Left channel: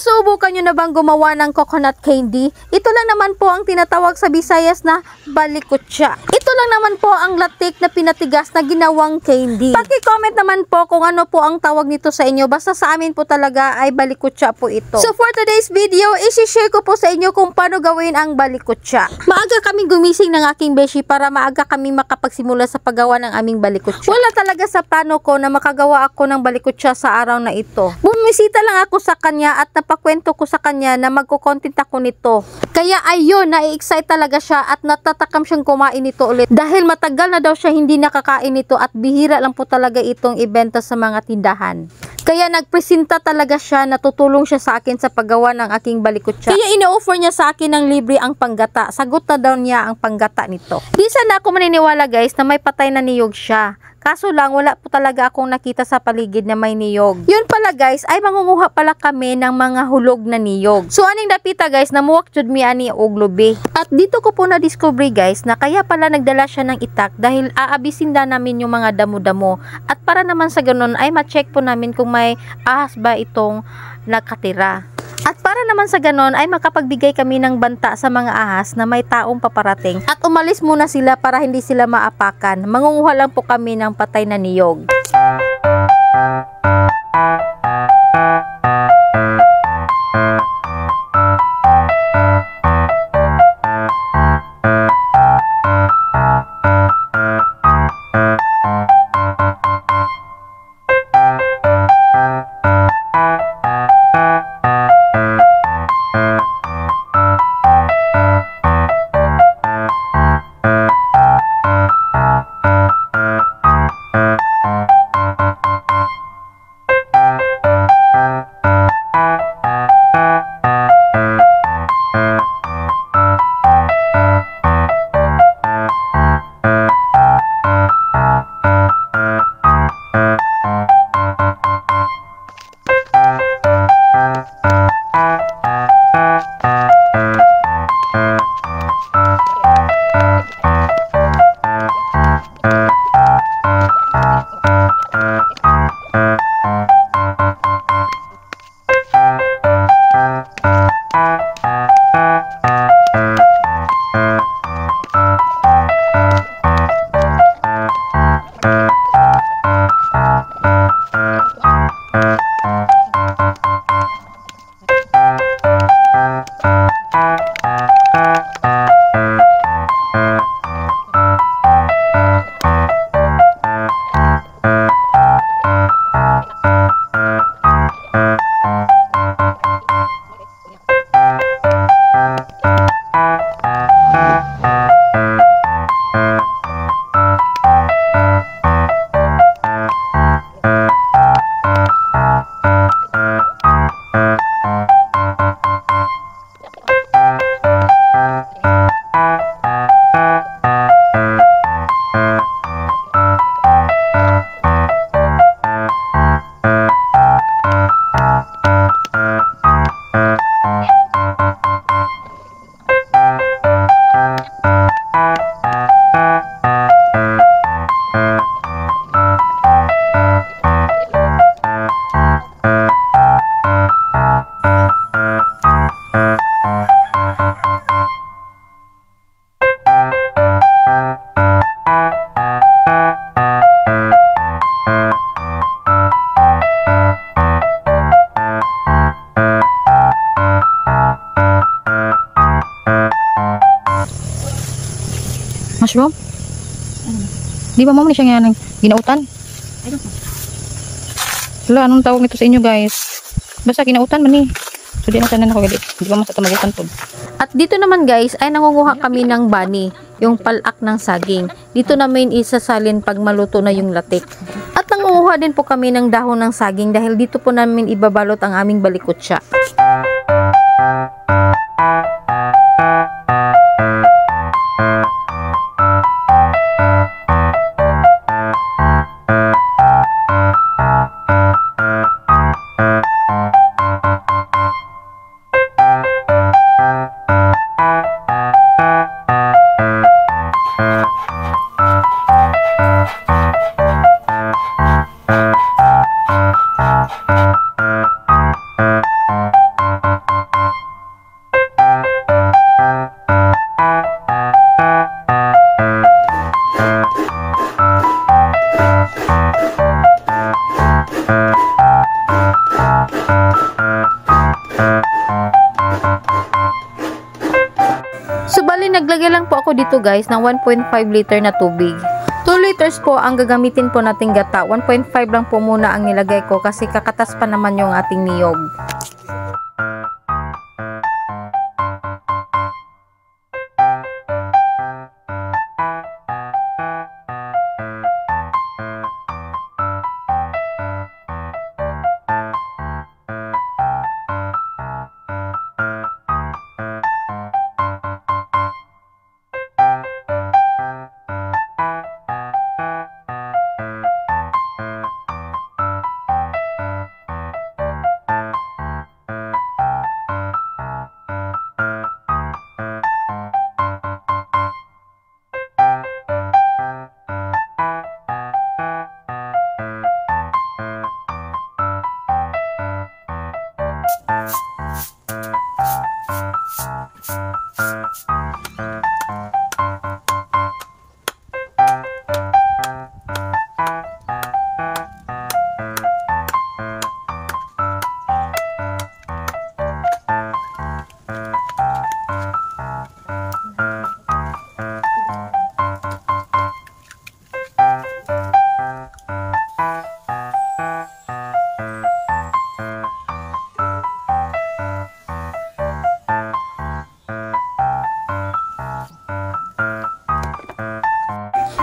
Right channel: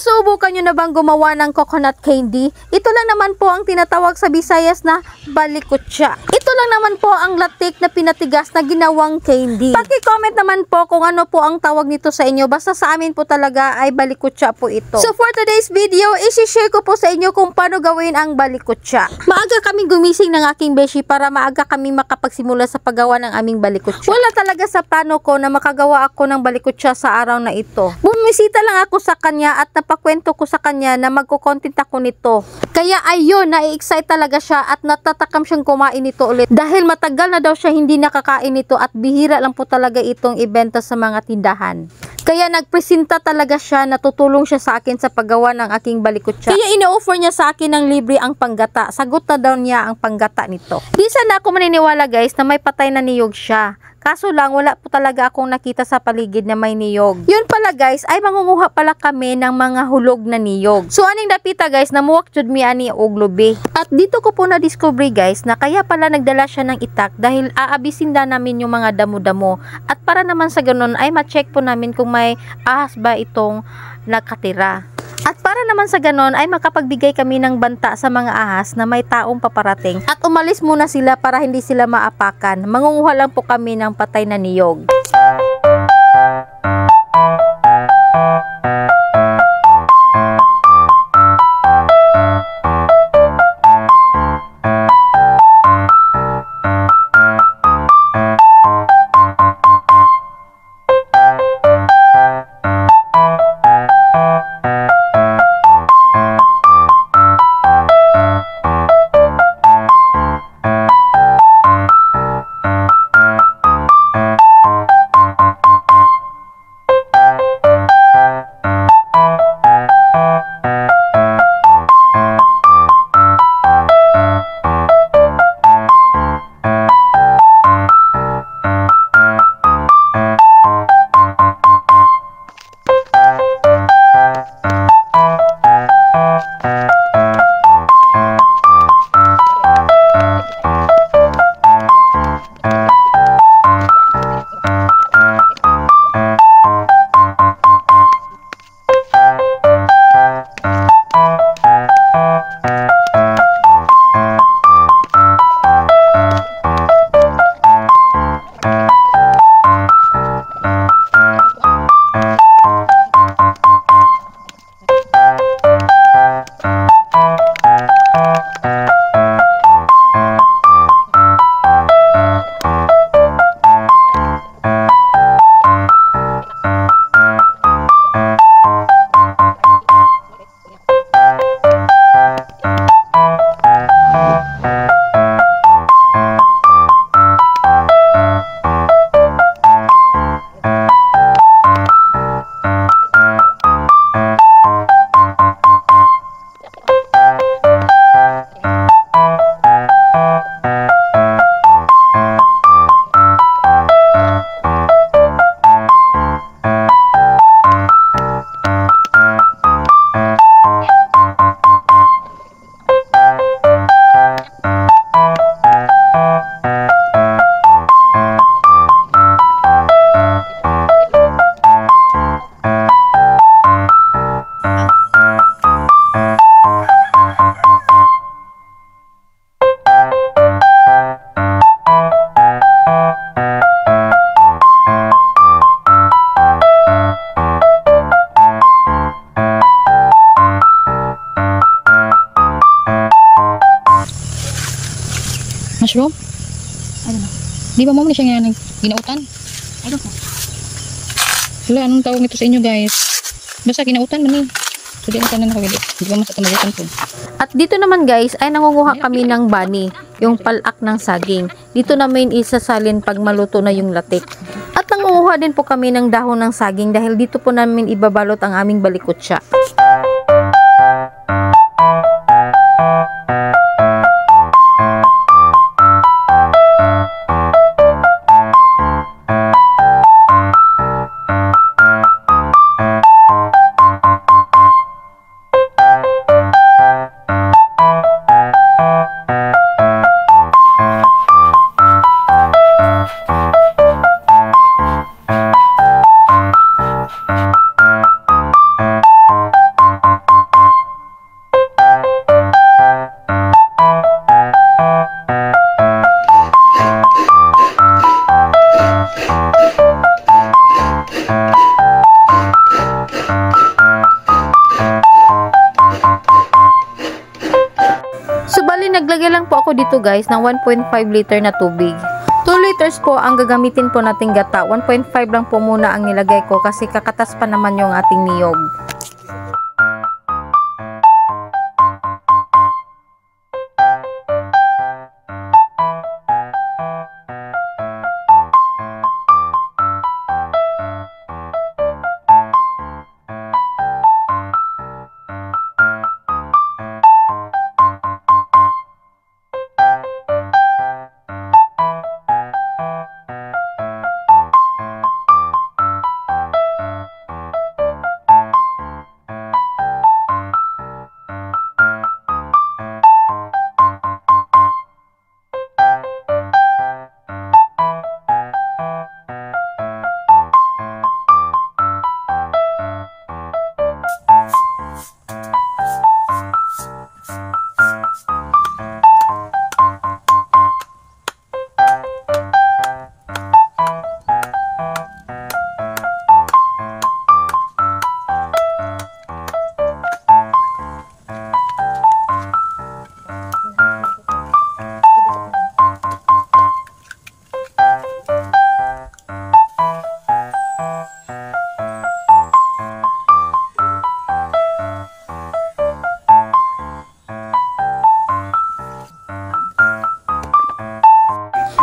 Nasubukan nyo na bang gumawa ng coconut candy? Ito lang naman po ang tinatawag sa Visayas na balikutsa. Ito lang naman po ang latik na pinatigas na ginawang candy. Paki-comment naman po kung ano po ang tawag nito sa inyo. Basta sa amin po talaga ay balikutsa po ito. So for today's video, isi-share ko po sa inyo kung paano gawin ang balikutsa. Maaga kaming gumising ng aking beshi para maaga kaming makapagsimula sa paggawa ng aming balikutsa. Wala talaga sa plano ko na makagawa ako ng balikutsa sa araw na ito. Bumisita lang ako sa kanya at napakwento ko sa kanya na magko-content ako nito. Kaya ayun, na-excite talaga siya at natatakam siyang kumain nito ulit. Dahil matagal na daw siya hindi nakakain nito at bihira lang po talaga itong ibenta sa mga tindahan. Kaya nagpresenta talaga siya, natutulong siya sa akin sa paggawa ng aking balikutsa. Kaya ino-offer niya sa akin ng libre ang panggata. Sagot na daw niya ang panggata nito. Di sana ako maniniwala guys na may patay na niyog siya. Kaso lang, wala po talaga akong nakita sa paligid na may niyog. Yun pala guys, ay mangunguha pala kami ng mga hulog na niyog. So aning dapita guys, namuwak jud mi ani og lubi. At dito ko po na-discover guys, na kaya pala nagdala siya ng itak dahil aabisin na namin yung mga damo-damo. At para naman sa ganun, ay ma-check po namin kung may ahas ba itong nakatira. At para naman sa ganon ay makapagbigay kami ng banta sa mga ahas na may taong paparating. At umalis muna sila para hindi sila maapakan. Mangunguha lang po kami ng patay na niyog. Mushroom? I don't know. Di ba mo na siya nga ginautan? I don't know. Wala, anong tawag nito sa inyo guys? Basta ginautan man eh. So di na tanan ako gali. Di ba masatamagutan po. At dito naman guys ay nangunguha kami ng bani, yung palak ng saging. Dito namin isasalin pag maluto na yung latik. At nangunguha din po kami ng dahon ng saging dahil dito po namin ibabalot ang aming balikutsa. naglagay lang po ako dito guys ng 1.5 liter na tubig. 2 liters po ang gagamitin po nating gata. 1.5 lang po muna ang nilagay ko kasi kakatas pa naman yung ating niyog.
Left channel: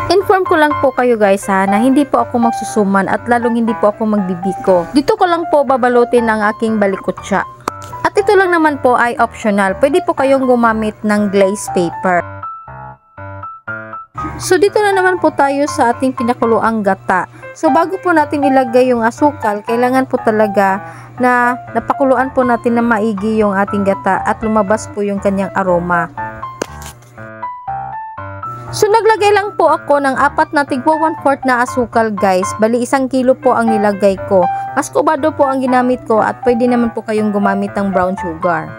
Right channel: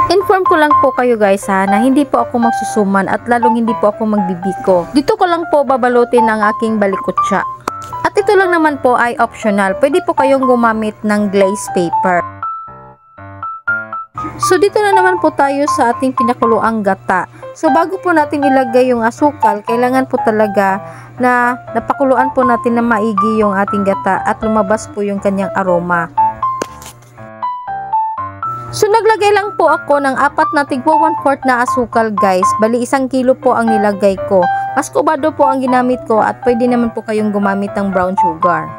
Inform ko lang po kayo guys ha, na hindi po ako magsusuman at lalong hindi po ako magbibiko. Dito ko lang po babalutin ang aking balikutsa. At ito lang naman po ay optional. Pwede po kayong gumamit ng glaze paper. So dito na naman po tayo sa ating pinakuluang gata. So bago po natin ilagay yung asukal, kailangan po talaga na napakuluan po natin na maigi yung ating gata at lumabas po yung kanyang aroma. So naglagay lang po ako ng 4 na tigwa 1/4 na asukal guys. Bali 1 kilo po ang nilagay ko. Mas kubado po ang ginamit ko at pwede naman po kayong gumamit ng brown sugar.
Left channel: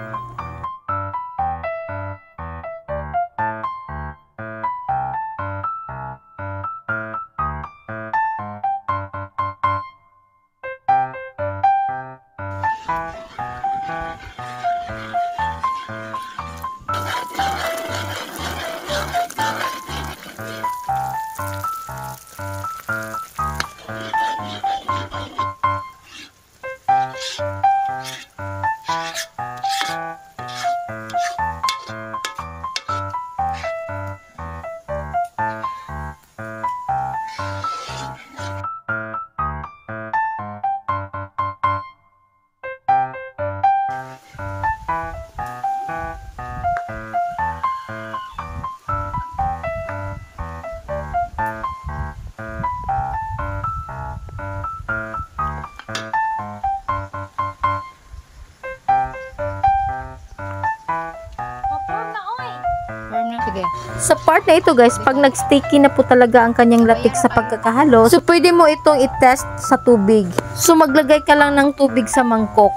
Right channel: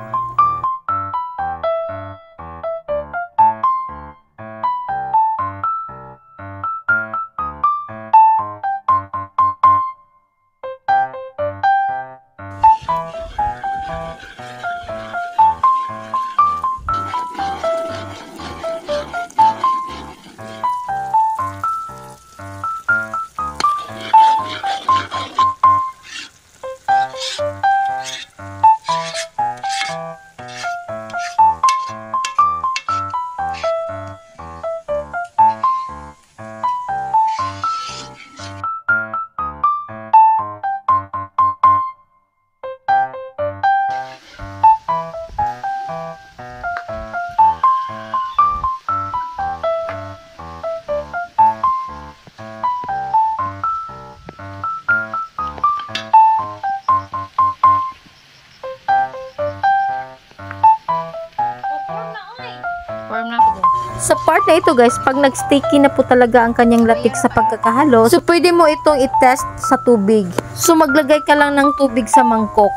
Sa part na ito guys, pag nag-sticky na po talaga ang kanyang latik sa pagkakahalo, so pwede mo itong i-test sa tubig. So maglagay ka lang ng tubig sa mangkok.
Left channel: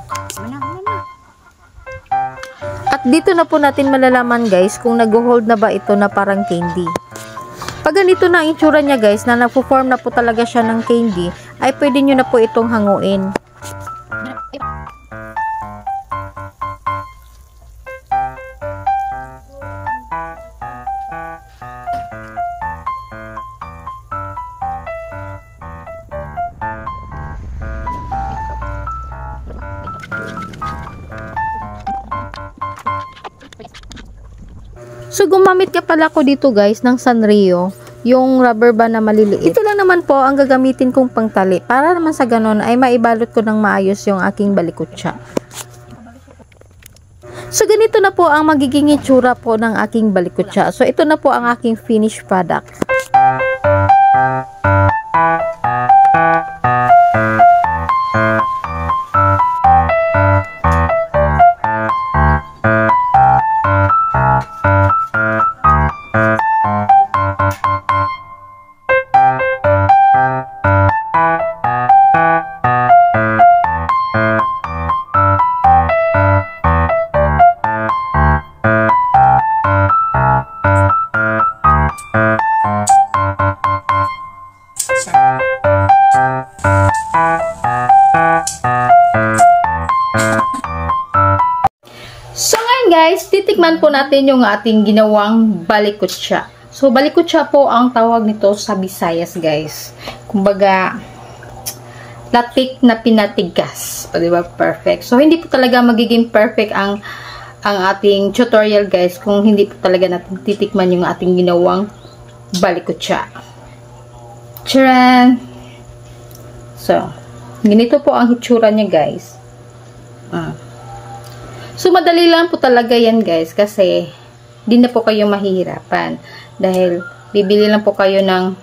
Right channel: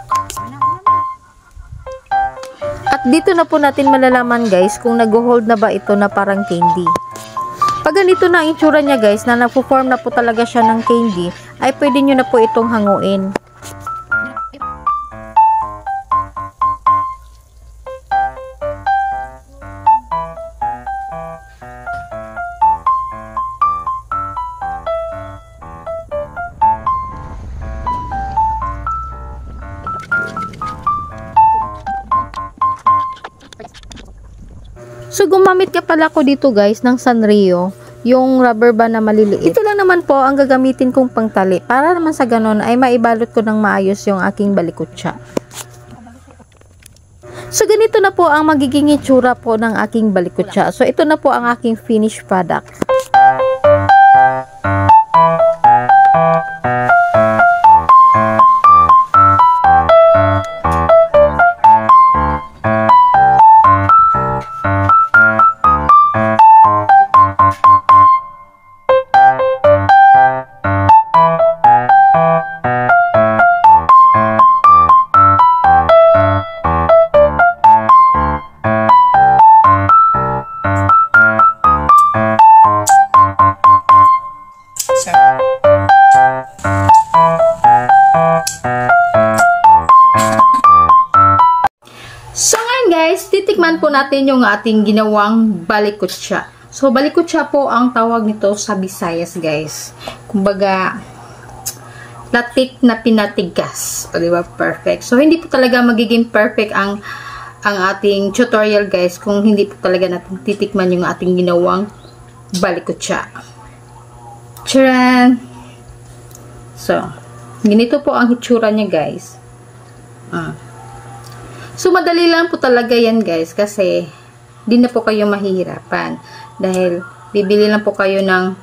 At dito na po natin malalaman guys kung nag-hold na ba ito na parang candy. Pag ganito na ang itsura niya guys, na nagpo-form na po talaga siya ng candy, ay pwede nyo na po itong hanguin. So gumamit ka pala ko dito guys ng Sanrio, yung rubber band na maliliit. Ito lang naman po ang gagamitin kong pangtali para naman sa ganon ay maibalot ko ng maayos yung aking balikutsa. So ganito na po ang magiging itsura po ng aking balikutsa. So ito na po ang aking finished product. guys, titikman po natin yung ating ginawang balikutsa. So, balikutsa po ang tawag nito sa Visayas, guys. Kumbaga, latik na pinatigas. O, diba? Perfect. So, hindi po talaga magiging perfect ang ating tutorial, guys, kung hindi po talaga natin titikman yung ating ginawang balikutsa. Charan! So, ganito po ang hitsura niya, guys. So, madali lang po talaga yan, guys, kasi di na po kayo mahihirapan. Dahil, bibili lang po kayo ng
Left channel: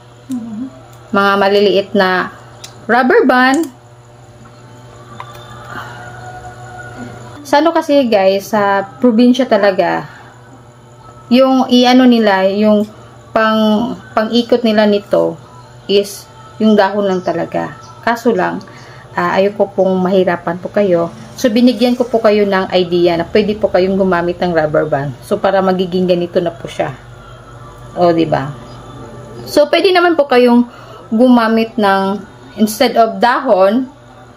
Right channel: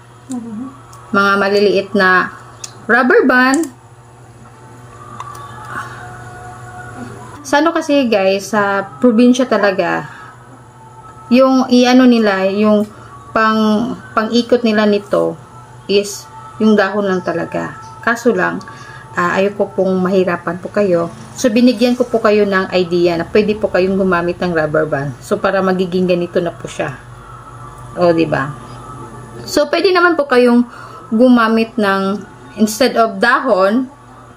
mga maliliit na rubber band. Sa ano kasi, guys, sa probinsya talaga, yung iano nila, yung pang-ikot nila nito is yung dahon lang talaga. Kaso lang, ayoko pong mahirapan po kayo. So, binigyan ko po kayo ng idea na pwede po kayong gumamit ng rubber band. So, para magiging ganito na po siya. O, diba? So, pwede naman po kayong gumamit ng, instead of dahon,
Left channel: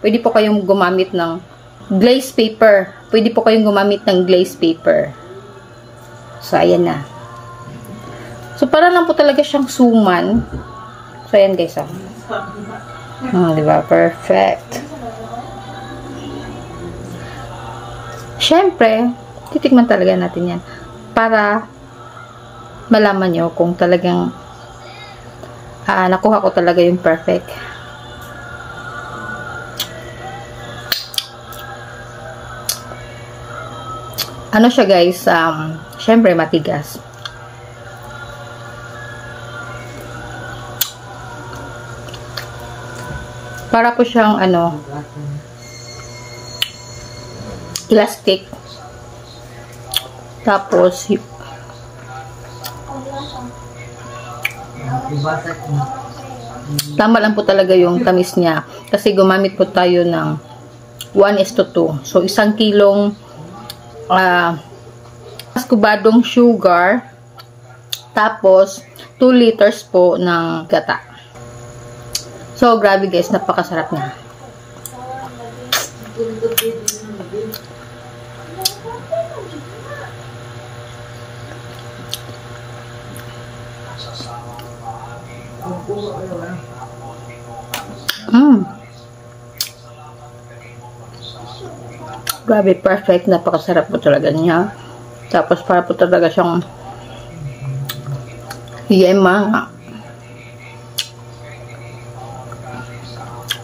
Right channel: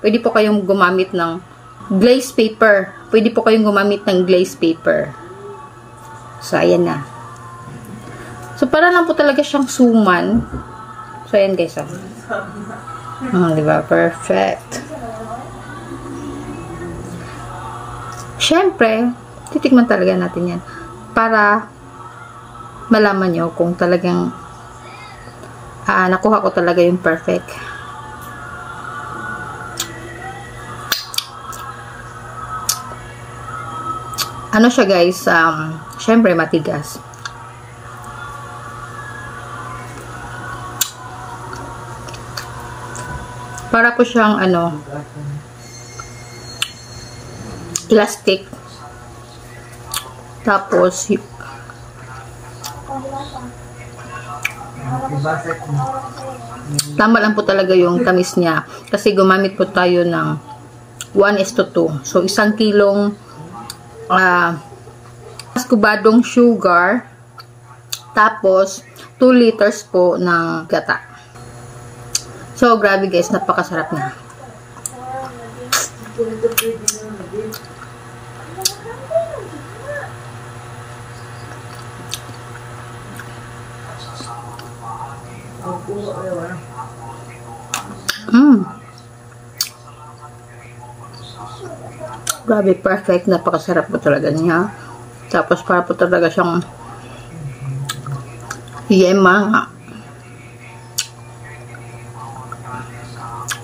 pwede po kayong gumamit ng glaze paper. Pwede po kayong gumamit ng glaze paper. So, ayan na. So, para lang po talaga siyang suman. So, ayan guys, diba? Perfect. Siyempre, titikman talaga natin yan para malaman nyo kung talagang nakuha ko talaga yung perfect. Ano siya guys, siyempre matigas. Para po siyang elastic. Tapos tama lang po talaga yung tamis niya. Kasi gumamit po tayo ng 1:2. So, 1 kilong maskubadong sugar. Tapos, 2 liters po ng gata. So, grabe guys, napakasarap niya. Grabe, perfect. Napakasarap po talaga niya. Tapos, para po talaga siyang yema nga.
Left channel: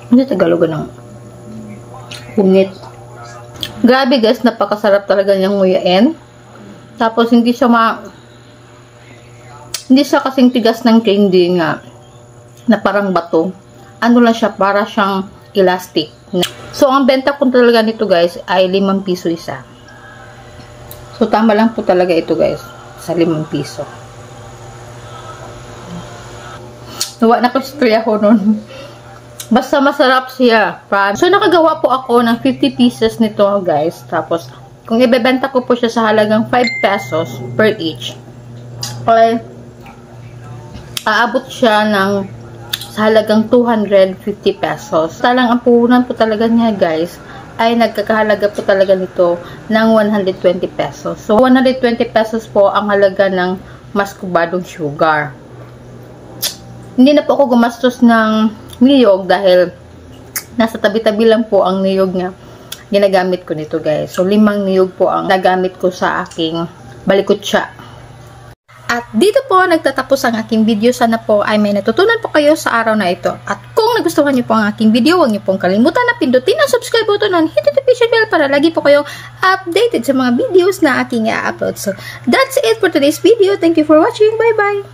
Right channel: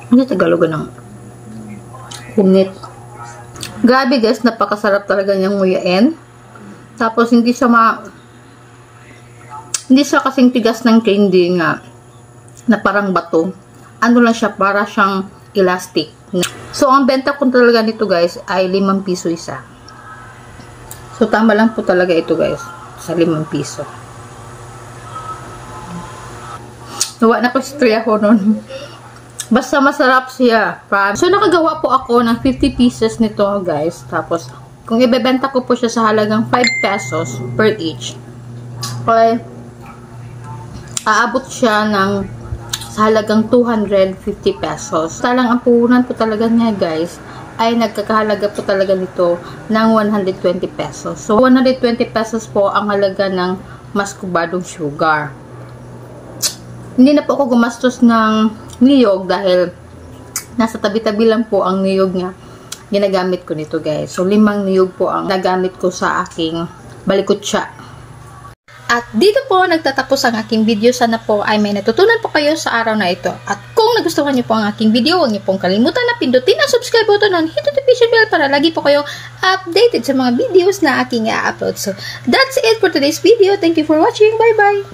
Ano Tagalog ng unit? Grabe guys, napakasarap talaga niyang nguyain. Tapos, hindi siya kasing tigas ng candy nga na parang bato. Ano lang siya, para siyang elastic. So, ang benta ko talaga nito guys ay 5 piso isa. So, tama lang po talaga ito guys sa 5 piso. Nawa na ko istorya ko nun. Basta masarap siya. So, nakagawa po ako ng 50 pieces nito guys. Tapos, kung ibebenta ko po siya sa halagang 5 pesos per each, okay, aabot siya ng sa halagang 250 pesos. Talang ang puhunan po talaga niya guys ay nagkakahalaga po talaga nito ng 120 pesos. So, 120 pesos po ang halaga ng maskubadong sugar. Hindi na po ako gumastos ng niyog dahil nasa tabi-tabi lang po ang niyog niya ginagamit ko nito guys. So, 5 niyog po ang nagamit ko sa aking balikutsa. At dito po nagtatapos ang aking video. Sana po ay may natutunan po kayo sa araw na ito. At kung nagustuhan niyo po ang aking video, huwag niyo pong kalimutan na pindutin ang subscribe button and hit the notification bell para lagi po kayong updated sa mga videos na aking i-upload. So, that's it for today's video. Thank you for watching. Bye-bye!